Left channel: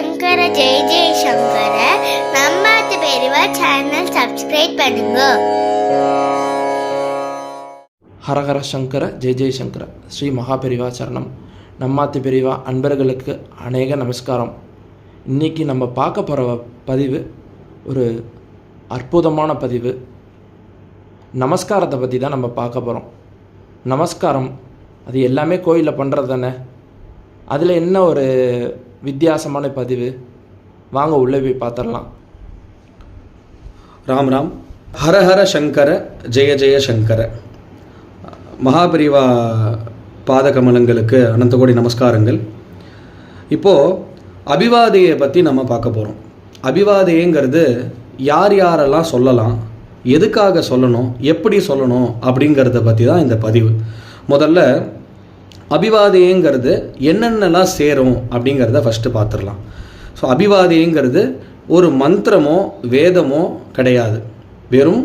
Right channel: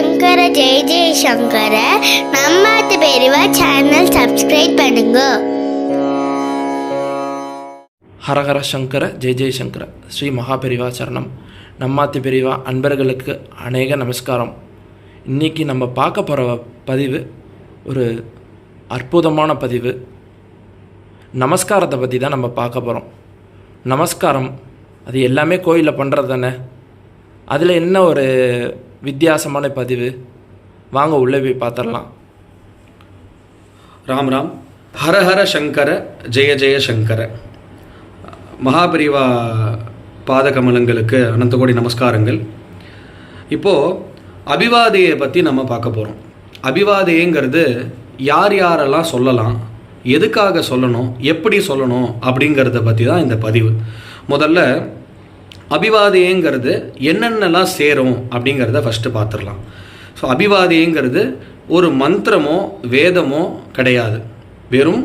சங்கர ஜெய ஜெய சங்கர. நம்மாத்து பெரியவா channel subscribe பண்ணுங்க. ஹரஹர சங்கர ஜெய ஜெயசங்கர ஸ்ரீ மகாபெரிவா சரணம். நம்மாத்தி பெரிவா அன்பர்களுக்கு அநேக நமஸ்காரம். இன்றைக்கி நம்ம பார்க்க போகிற பதிவு ஒரு அற்புதமான பதிவு. நமஸ்காரத்தை பற்றி தான் நம்ம பார்க்க போகிறோம் நமஸ்காரம் அது எல்லாமே கோயிலில் பண்ணுறது தானே? அதில் என்ன ஒரு வித்தியாசமான பதிவு. வாங்க உள்ளே போய் பார்த்துடலாம். ராம் ராம். ஹரஹர சங்கர ஜெய ஜெய சங்கர. மகாபிரிவா பாதகமலங்களுக்கு அனந்த கோடி நமஸ்காரங்கள். இப்போது அபிவாதையை பற்றி நம்ம பார்க்க போகிறோம் அபிவாதைங்கிறது யார் யாரெல்லாம் சொல்லலாம் எதுக்காக சொல்லணும் எப்படி சொல்லணும் அப்படிங்கிறத பற்றி தான் இந்த பதிவு. முதல்ல அபிவாதையங்கிறது என்னென்னலாம் சேரும் அப்படிங்கிறத ஃபஸ்ட்டு பார்த்துடலாம். ஸோ அபிவாதையங்கிறது ஒரு மந்திரமோ வேதமோ கிடையாது. வெறும்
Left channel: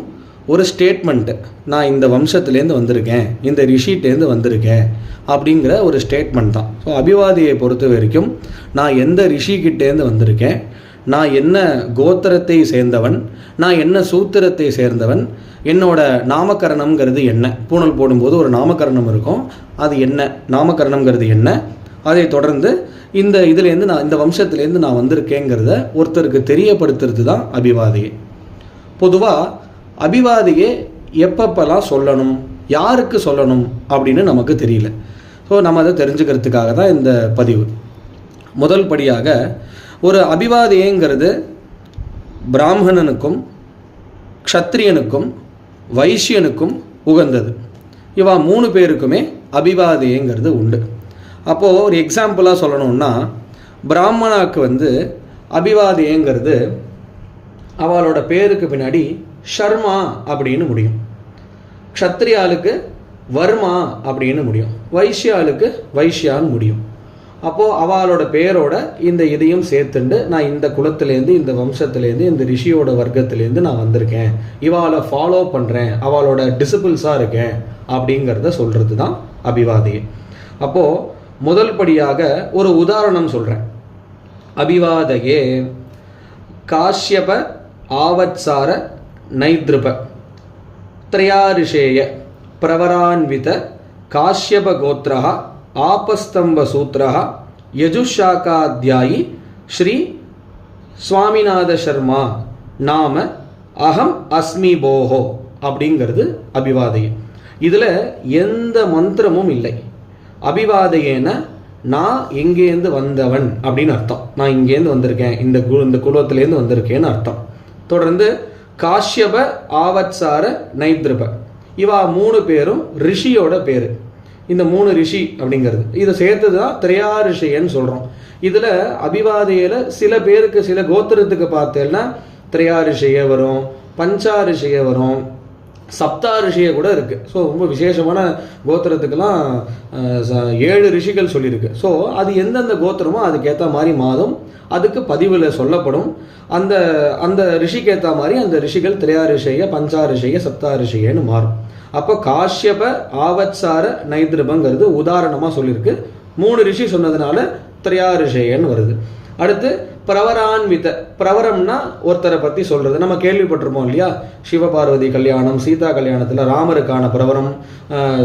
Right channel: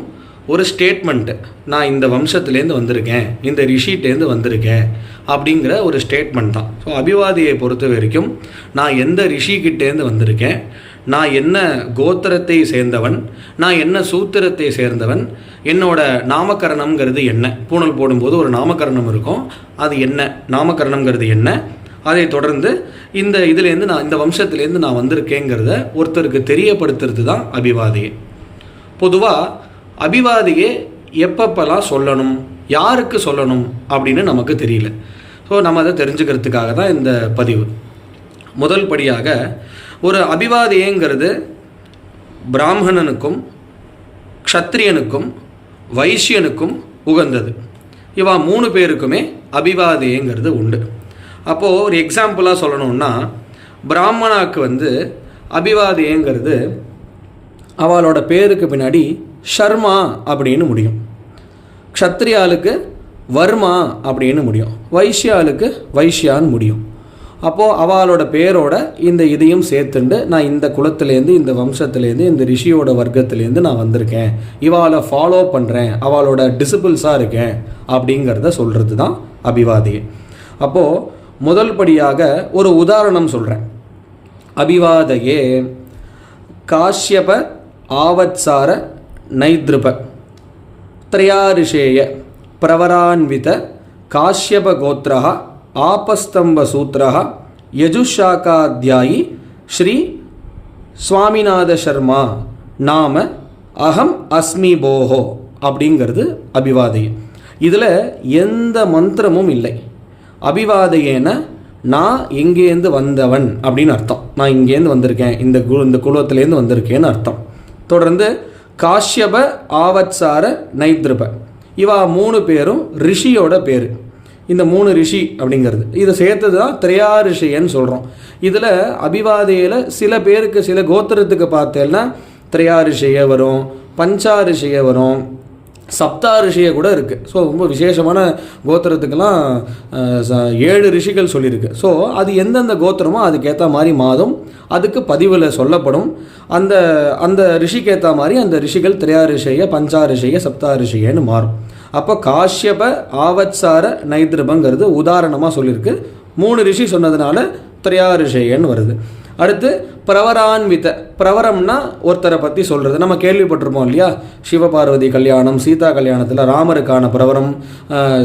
ஒரு ஸ்டேட்மெண்ட்டு நான் இந்த வம்சத்துலேருந்து வந்திருக்கேன் இந்த ரிஷிட்டேருந்து வந்திருக்கேன் அப்படிங்கிற ஒரு ஸ்டேட்மெண்ட் தான். ஸோ அபிவாதியை பொறுத்த வரைக்கும் நான் எந்த ரிஷிக்கிட்டேருந்து வந்திருக்கேன் நான் என்ன கோத்திரத்தை சேர்ந்தவன்? நான் என்ன சூத்திரத்தை சேர்ந்தவன்? என்னோட நாமகரணம்ங்கிறது என்ன? பூணல் போடும்போது ஒரு நாமகரணம் இருக்கும். அது என்ன? நாமகரணம்ங்கிறது என்ன? அதை தொடர்ந்து இந்த இதுலேருந்து நான் இந்த வம்சத்துலேருந்து நான் வந்திருக்கேங்கிறத ஒருத்தருக்கு தெரியப்படுத்துறது தான் அபிவாதியை. பொதுவாக அபிவாதியை எப்பப்பெல்லாம் சொல்லணும்? யாருக்கு சொல்லணும்? அப்படின்னு நமக்கு தெரியல. ஸோ நம்ம அதை தெரிஞ்சுக்கிறதுக்காக தான் இந்த பதிவு. முதல் படியாக ஒரு அபிவாதியங்கிறது பிராமணனுக்கும் க்ஷத்ரியனுக்கும் வைசியனுக்கும் உகந்தது. இவா மூணு பேருக்குமே அபிவாதியங்கிறது உண்டு. அப்போது ஒரு எக்ஸாம்பிளாக சொல்லணும்னா பிராமணாக்கு வந்து அபிவாதியங்கிறது அவளோட பேருக்கு பின்னாடி ஷர்மா அப்படின்னு முடியும். க்ஷத்ரியாளுக்கு வர்மா அப்படின்னு முடியும். வைஷ்யாளுக்கு வைஷ்யான்னு முடியும். அப்போது அவளோட பேரோட இந்த இதையும் சேர்த்துண்டு நான் இந்த குலத்துலேருந்து இந்த வம்சத்துலேருந்து இந்த ரிஷியோட வர்க்கத்துலேருந்து நான் வந்திருக்கேன். இவாளை ஃபாலோ பண்ணுறேன் அவளோட டிசிபிள்ஸாக இருக்கேன் அப்படிங்கிறத சொல்கிறது தான் அபிவாதி. அப்போது முதல் படியாக ஒரு உதாரணம் சொல்கிறேன் அபிவாதையே காஷ்யப ஆவத்சார நைத்ருப த்ரயாரிஷேய பிரவரான்வித காஷ்யப கோத்ரஹா ஆபஸ்தம்ப சூத்திரः யஜுஷாக்காத்தியாயி ஸ்ரீ சுவாமிநாத சர்மா நாம அகம் அஸ்மி போஹோ அப்படிங்கிறது அபிவாதையம். இதில் எந்த மந்திரமும் இல்லை. அபிவாதையேன நான் எங்கேருந்து வந்தவன் அப்படின்னு அர்த்தம். நான் இங்கேருந்து வந்திருக்கேன். இந்த கு இந்த குலத்திலேருந்து வந்திருக்கேன்னு அர்த்தம். தொடர்ந்து காஷ்யப ஆவத்சார நைத்ருப. இவா மூணு பேரும் ரிஷியோட பேர். இந்த மூணு ரிஷி அப்படிங்கிறது. இதை சேர்த்தது தான் திரையா ரிஷின்னு சொல்கிறோம் இதில் அபிவாதையில் சில பேருக்கு சில கோத்திரத்துக்கு பார்த்தேன்னா திரையா ரிஷிய வரும் பஞ்சா ரிஷிய வரும் சப்தா ரிஷியை கூட இருக்குது ஸோ ரொம்ப விசேஷமான கோத்திரத்துக்கெல்லாம் ஏழு ரிஷிகள் சொல்லியிருக்கு. ஸோ அது எந்தெந்த கோத்திரமோ அதுக்கேற்ற மாதிரி மாதம் அதுக்கு பதிவில் சொல்லப்படும். அந்த அந்த ரிஷிக்கு ஏற்ற மாதிரி அந்த ரிஷிகள் திரையா ரிஷிய பஞ்சா ரிஷிய சப்தா ரிஷியன்னு மாறும். அப்போ காஷ்யப ஆவத்சார நைத்ருபங்கிறது உதாரணமாக சொல்லியிருக்கு. மூணு ரிஷி சொன்னதுனால திரையா ரிஷேன்னு வருது. அடுத்து பிரவரான்வித. பிரவரம்னா ஒருத்தரை பற்றி சொல்கிறது நம்ம கேள்விப்பட்டிருப்போம் இல்லையா? சிவபார்வதி கல்யாணம் சீதா கல்யாணத்தில் ராமருக்கான பிரவரம்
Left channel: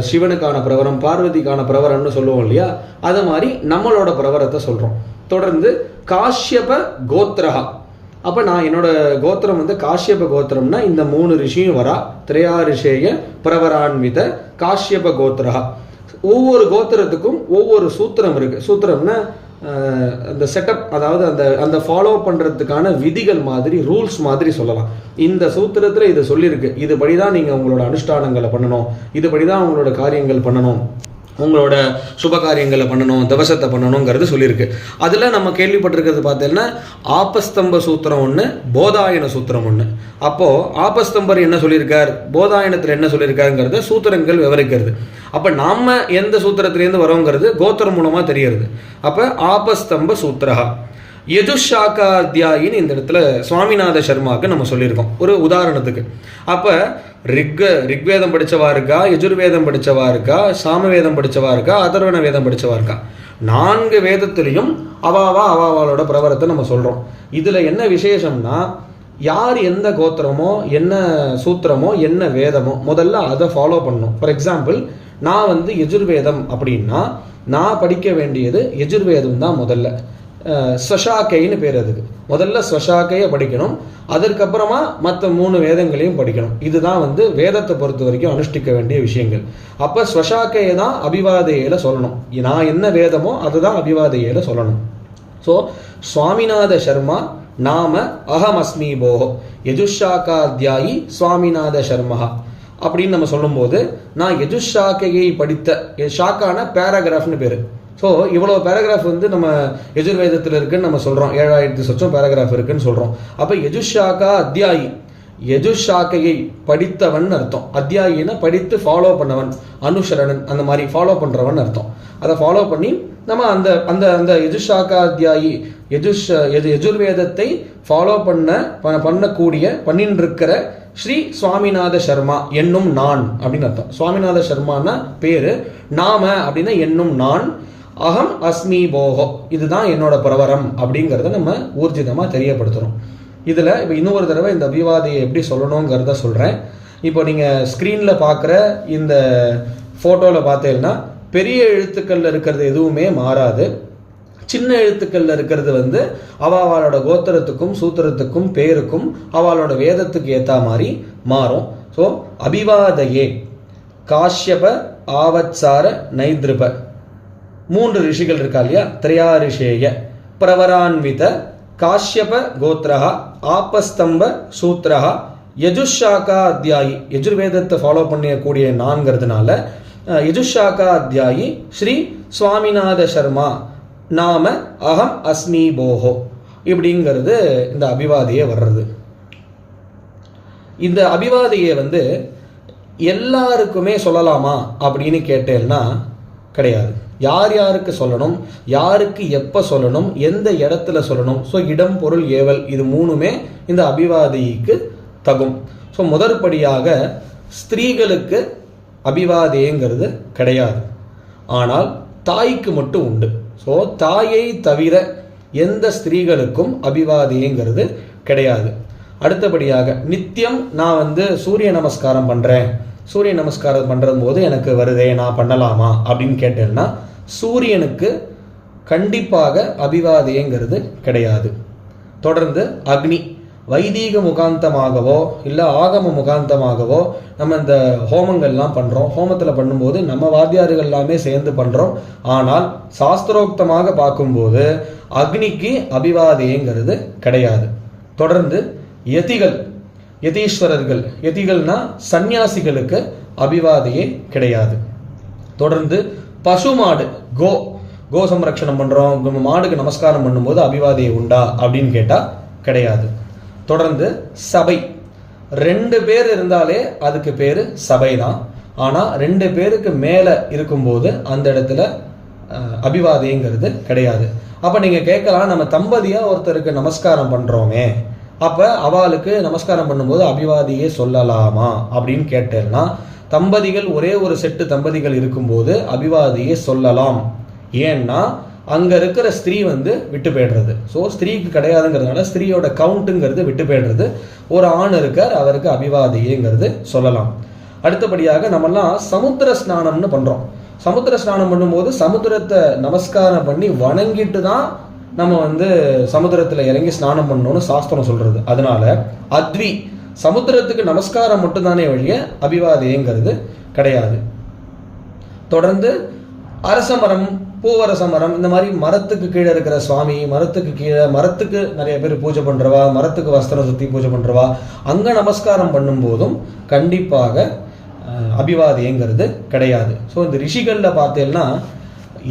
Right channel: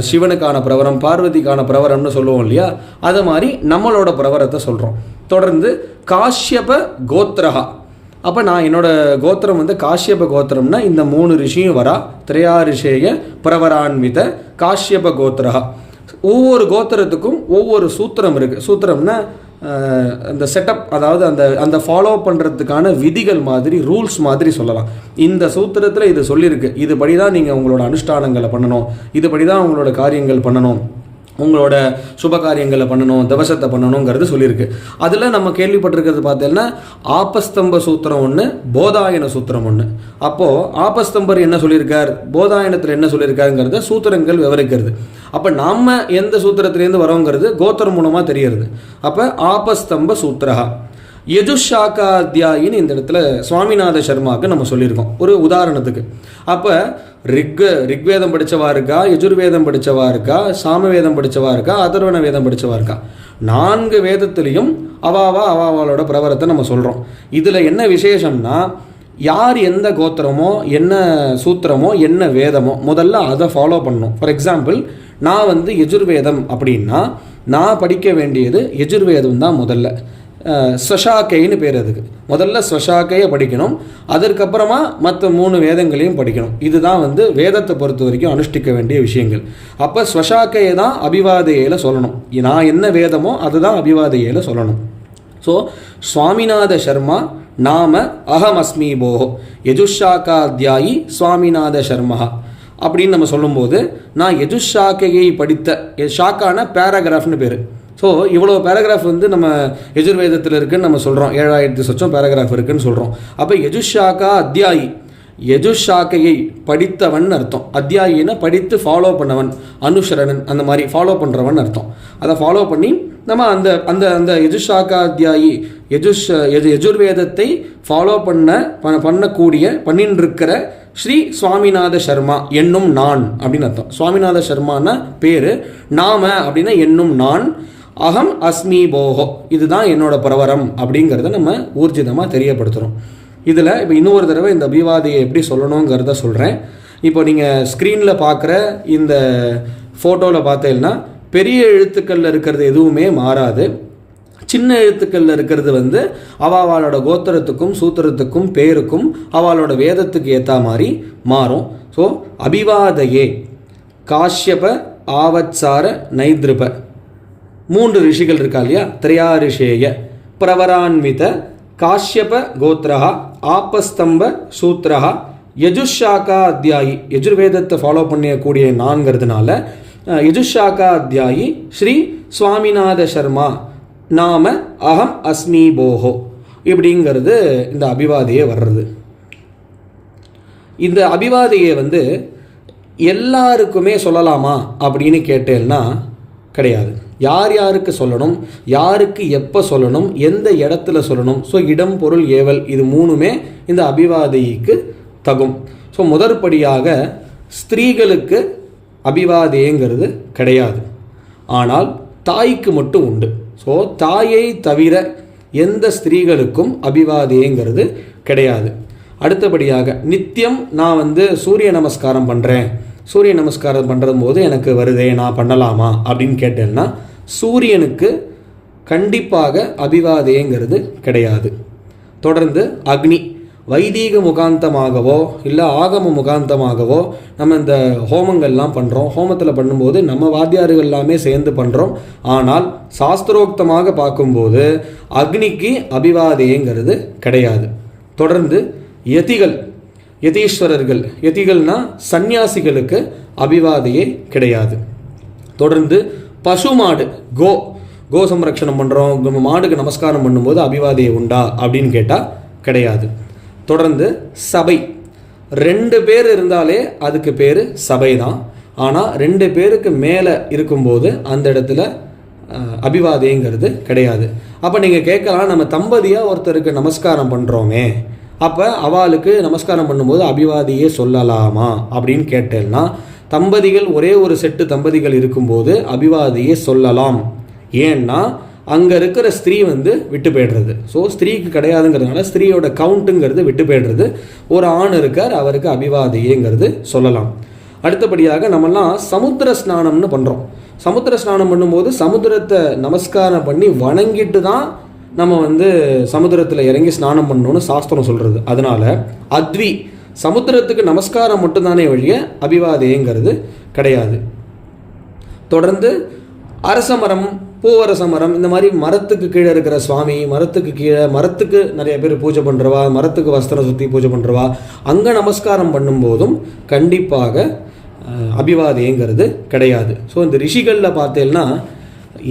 சிவனுக்கான பிரவரம் பார்வதிக்கான பிரவரம்னு சொல்லுவோம் இல்லையா? அது மாதிரி நம்மளோட பிரவரத்தை சொல்கிறோம் தொடர்ந்து காஷ்யப கோத்ரஹா. அப்போ நான் என்னோட கோத்திரம் வந்து காஷ்யப கோத்திரம்னா இந்த மூணு ரிஷியும் வரா. திரையா ரிஷேய பிரவரான்வித காஷ்யப கோத்திரஹா. ஒவ்வொரு கோத்திரத்துக்கும் ஒவ்வொரு சூத்திரம் இருக்குது சூத்திரம்னா அந்த செட்டப் அதாவது அந்த அந்த ஃபாலோ பண்ணுறதுக்கான விதிகள் மாதிரி ரூல்ஸ் மாதிரி சொல்லலாம். இந்த சூத்திரத்தில் இது சொல்லியிருக்கு. இதுபடி தான் நீங்கள் உங்களோட அனுஷ்டானங்களை பண்ணணும். இதுபடி தான் உங்களோட காரியங்கள் பண்ணணும். உங்களோட சுப காரியங்களை பண்ணணும் தவசத்தை பண்ணணுங்கிறது சொல்லியிருக்கு. அதில் நம்ம கேள்விப்பட்டிருக்கிறது பார்த்தீங்கன்னா ஆபஸ்தம்ப சூத்திரம் ஒன்று போதாயன சூத்திரம் ஒன்று அப்போது ஆபஸ்தம்பர் என்ன சொல்லியிருக்கார்? போதாயனத்தில் என்ன சொல்லியிருக்காருங்கிறத சூத்திரங்கள் விவரிக்கிறது. அப்போ நாம் எந்த சூத்திரத்துலேருந்து வரோங்கிறது கோத்திரம் மூலமாக தெரியறது. அப்போ ஆபஸ்தம்ப சூத்திரகா யதுஷாக்காத்தியாயின்னு இந்த இடத்துல சுவாமிநாத சர்மாவுக்கு நம்ம சொல்லியிருக்கோம். ஒரு உதாரணத்துக்கு. அப்போ ரிக் ரிக்வேதம் படித்தவா இருக்கா யஜுர்வேதம் படித்தவா இருக்கா சாமவேதம் படித்தவா இருக்கா அதர்வண வேதம் படித்தவா இருக்கா? நான்கு வேதத்துலேயும் அவாவா அவாவாலோட பிரபரத்தை நம்ம சொல்கிறோம் இதில் என்ன விசேஷம்னா யார் எந்த கோத்திரமோ என்ன சூத்திரமோ என்ன வேதமோ முதல்ல அதை ஃபாலோ பண்ணணும். ஃபார் எக்ஸாம்பிள் நான் வந்து யஜுர்வேதம் அப்படின்னா நான் படிக்க வேண்டியது யஜுர்வேதம் தான் முதல்ல. ஸ்வஷாக்கைன்னு பேர் அதுக்கு. முதல்ல ஸ்வஷாக்கையை படிக்கணும். அதற்கப்புறமா மற்ற மூணு வேதங்களையும் படிக்கணும். இதுதான் வந்து வேதத்தை பொறுத்த வரைக்கும் அனுஷ்டிக்க வேண்டிய விஷயங்கள். அப்போ ஸ்வஷாக்கையை தான் அபிவாதையில் சொல்லணும். நான் என்ன வேதமோ அதுதான் அபிவாதையில் சொல்லணும். ஸோ சுவாமிநாத சர்மா நாம அகம் அஸ்மி போஹோ. யஜுஷாக்காத்தியாயி சுவாமிநாத சர்மா. அப்படின்னு நம்ம சொல்லும்போது நான் யஜுஷாக்கையை படித்த எ- ஷாக்கான பேராகிராஃப்னு பேர். ஸோ இவ்வளோ பேராகிராஃப் வந்து நம்ம எஜுர்வேதத்தில் இருக்குன்னு நம்ம சொல்கிறோம் ஏழாயிரத்தி சொச்சம் பேராகிராஃப் இருக்குன்னு சொல்கிறோம் அப்போ யஜுஷாக்கா அத்தியாயி. யஜுஷாக்கையை படித்தவன் அர்த்தம். அத்தியாயின படித்து ஃபாலோ பண்ணவன். அனுஷரணன் அந்த மாதிரி ஃபாலோ பண்ணுறவன் அர்த்தம். அதை ஃபாலோ பண்ணி நம்ம அந்த அந்த அந்த யஜுஷாக்கா அத்தியாயி யஜுஷ் எது யஜுர்வேதத்தை ஃபாலோ பண்ண ப- பண்ணக்கூடிய பண்ணின்னு இருக்கிற ஸ்ரீ சுவாமிநாத சர்மா என்னும் நான் அப்படின்னு அர்த்தம். சுவாமிநாத சர்மானா பேர் நாம அப்படின்னா என்னும் நான். அகம் அஸ்மி போகோ. இதுதான் என்னோட பிரவரம் அப்படிங்கிறத நம்ம ஊர்ஜிதமாக தெரியப்படுத்துகிறோம் இதில் இப்போ இன்னொரு தடவை இந்த அபிவாதியை எப்படி சொல்லணுங்கிறத சொல்கிறேன் இப்போ நீங்கள் ஸ்க்ரீனில் பார்க்குற இந்த ஃபோட்டோவில் பார்த்தீங்கன்னா பெரிய எழுத்துக்களில் இருக்கிறது எதுவுமே மாறாது. சின்ன எழுத்துக்களில் இருக்கிறது வந்து அவளோட கோத்திரத்துக்கும் சூத்திரத்துக்கும் பேருக்கும் அவளோட வேதத்துக்கு ஏற்ற மாதிரி மாறும். ஸோ அபிவாதையே. காஷ்யப ஆவத்சார நைத்ருப. மூன்று ரிஷிகள் இருக்கா இல்லையா? திரையா ரிஷேய பிரவரான்வித காஷ்யப கோத்ரஹா ஆப்பஸ்தம்ப சூத்ரஹா யஜுஷாக்கா அத்தியாயி யஜுர்வேதத்தை ஃபாலோ பண்ணக்கூடிய நான்கிறதுனால யஜுஷாக்கா அத்தியாயி ஸ்ரீ சுவாமிநாத சர்மா நாம அகம் அஸ்மி போஹோ இப்படிங்கிறது இந்த அபிவாதியே வர்றது. இந்த அபிவாதியை வந்து எல்லாருக்குமே சொல்லலாமா அப்படின்னு கேட்டேன்னா கிடையாது. யார் யாருக்கு சொல்லணும் யாருக்கு எப்போ சொல்லணும் எந்த இடத்துல சொல்லணும். ஸோ இடம் பொருள் ஏவல் இது மூணுமே இந்த அபிவாதிக்கு தகும். ஸோ முதற்படியாக ஸ்திரீகளுக்கு அபிவாதேங்கிறது கிடையாது. ஆனால் தாய்க்கு மட்டும் உண்டு. ஸோ தாயை தவிர எந்த ஸ்திரீகளுக்கும் அபிவாதேங்கிறது கிடையாது. அடுத்தபடியாக நித்தியம் நான் வந்து சூரிய நமஸ்காரம் பண்ணுறேன் சூரிய நமஸ்காரம் பண்ணுறது போது எனக்கு வருதே நான் பண்ணலாமா அப்படின்னு கேட்டேன்னா சூரியனுக்கு கண்டிப்பாக அபிவாதேங்கிறது கிடையாது. தொடர்ந்து அக்னி வைதீக முகாந்தமாகவோ இல்லை ஆகம முகாந்தமாகவோ நம்ம இந்த ஹோமங்கள்லாம் பண்ணுறோம் ஹோமத்தில் பண்ணும்போது நம்ம வாத்தியார்கள் எல்லாமே சேர்ந்து பண்ணுறோம் ஆனால் சாஸ்திரோக்தமாக பார்க்கும்போது அக்னிக்கு அபிவாதேங்கிறது கிடையாது. தொடர்ந்து யதிகள் யதீஸ்வரர்கள் யதிகள்னா சந்நியாசிகளுக்கு அபிவாதையே கிடையாது. தொடர்ந்து பசுமாடு கோ கோ சம்ரக்ஷணம் பண்ணுறோம் மாடுக்கு நமஸ்காரம் பண்ணும்போது அபிவாதியை உண்டா அப்படின்னு கேட்டால் கிடையாது. தொடர்ந்து சபை. ரெண்டு பேர் இருந்தாலே அதுக்கு பேர் சபை தான் ஆனால் ரெண்டு பேருக்கு மேலே இருக்கும்போது அந்த இடத்துல அபிவாதைங்கிறது கிடையாது. அப்போ நீங்கள் கேட்கலாம் நம்ம தம்பதியாக ஒருத்தருக்கு நமஸ்காரம் பண்ணுறோமே அப்போ அவளுக்கு நமஸ்காரம் பண்ணும்போது அபிவாதியே சொல்லலாமா? அப்படின்னு கேட்டேன்னா தம்பதிகள் ஒரே ஒரு செட்டு தம்பதிகள் இருக்கும்போது அபிவாதியை சொல்லலாம். ஏன்னா அங்கே இருக்கிற ஸ்திரீ வந்து விட்டு போயிடுறது. ஸோ ஸ்திரீக்கு கிடையாதுங்கிறதுனால ஸ்திரீயோட கவுண்ட்டுங்கிறது விட்டு போயிடுறது. ஒரு ஆண் இருக்கார் அவருக்கு அபிவாதியேங்கிறது சொல்லலாம். அடுத்தபடியாக நம்மெல்லாம் சமுத்திர ஸ்நானம்னு பண்ணுறோம் சமுத்திர ஸ்நானம் பண்ணும்போது சமுத்திரத்தை நமஸ்காரம் பண்ணி வணங்கிட்டு தான் நம்ம வந்து சமுத்திரத்தில் இறங்கி ஸ்நானம் பண்ணணும்னு சாஸ்திரம் சொல்கிறது அதனால அத்வி சமுத்திரத்துக்கு நமஸ்காரம் மட்டும்தானே ஒழிய அபிவாதேங்கிறது கிடையாது. தொடர்ந்து அரச மரம் பூவரச மரம் இந்த மாதிரி மரத்துக்கு கீழே இருக்கிற சுவாமி மரத்துக்கு கீழே மரத்துக்கு நிறைய பேர் பூஜை பண்ணுறவா மரத்துக்கு வஸ்திரம் சுற்றி பூஜை பண்ணுறவா அங்கே நமஸ்காரம் பண்ணும்போதும் கண்டிப்பாக அஹ், அபிவாதேங்கிறது கிடையாது. ஸோ இந்த ரிஷிகளில் பார்த்தேன்னா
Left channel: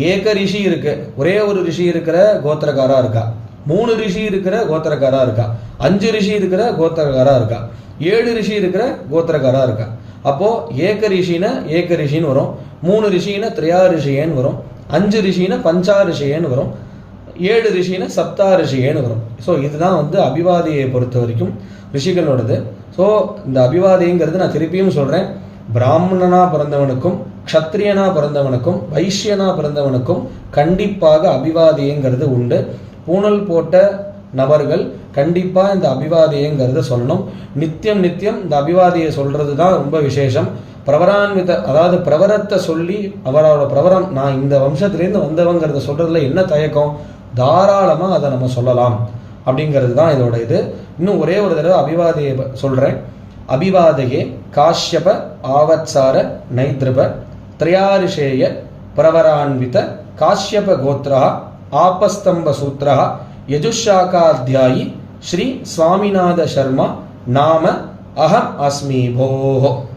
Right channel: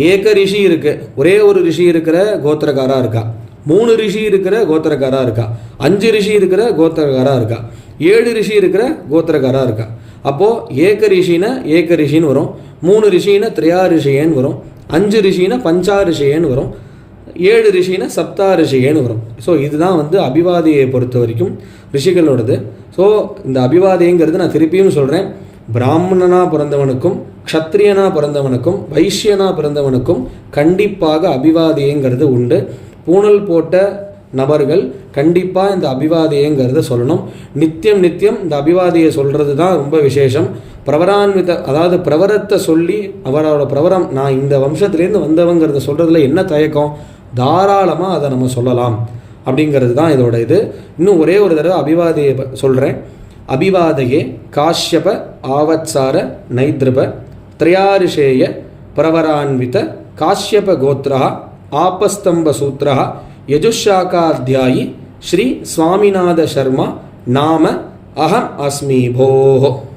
ஏக ரிஷி இருக்கு. ஒரே ஒரு ரிஷி இருக்கிற கோத்திரக்காராக இருக்கா? மூணு ரிஷி இருக்கிற கோத்திரக்காரா இருக்கா? அஞ்சு ரிஷி இருக்கிற கோத்திரக்காரா இருக்கா? ஏழு ரிஷி இருக்கிற கோத்திரக்காரா இருக்கா? அப்போ ஏக ரிஷினா ஏக ரிஷின்னு வரும். மூணு ரிஷினா திரையா ரிஷியன்னு வரும். அஞ்சு ரிஷினா பஞ்சா ரிஷியன்னு வரும். ஏழு ரிஷினா சப்தா ரிஷிகேன்னு வரும். ஸோ இதுதான் வந்து அபிவாதியை பொறுத்த வரைக்கும் ரிஷிகளோடது. ஸோ இந்த அபிவாதிங்கிறது நான் திருப்பியும் சொல்கிறேன் பிராமணனாக பிறந்தவனுக்கும் க்ஷத்ரியனாக பிறந்தவனுக்கும் வைஷ்யனா பிறந்தவனுக்கும் கண்டிப்பாக அபிவாதியங்கிறது உண்டு. பூனல் போட்ட நபர்கள் கண்டிப்பாக இந்த அபிவாதியங்கிறத சொல்லணும். நித்தியம் நித்தியம் இந்த அபிவாதியை சொல்கிறது தான் ரொம்ப விசேஷம். பிரவரான்வித அதாவது பிரவரத்தை சொல்லி அவரோட பிரவரம் நான் இந்த வம்சத்துலேருந்து வந்தவங்கிறத சொல்கிறதுல என்ன தயக்கம்? தாராளமாக அதை நம்ம சொல்லலாம். அப்படிங்கிறது தான் இதோட இது. இன்னும் ஒரே ஒரு தடவை அபிவாதியை சொல்கிறேன் அபிவாதையே காஷ்யப ஆவத்சார நைத்ருப திரையாரிஷேய பிரவரான்வித காஷ்யப கோத்ரா ஆபஸ்தம்ப சூத்ரா யஜுஷாக்காத்தியாயி ஸ்ரீ சுவாமிநாத சர்மா நாம அகம் அஸ்மி போஹோ.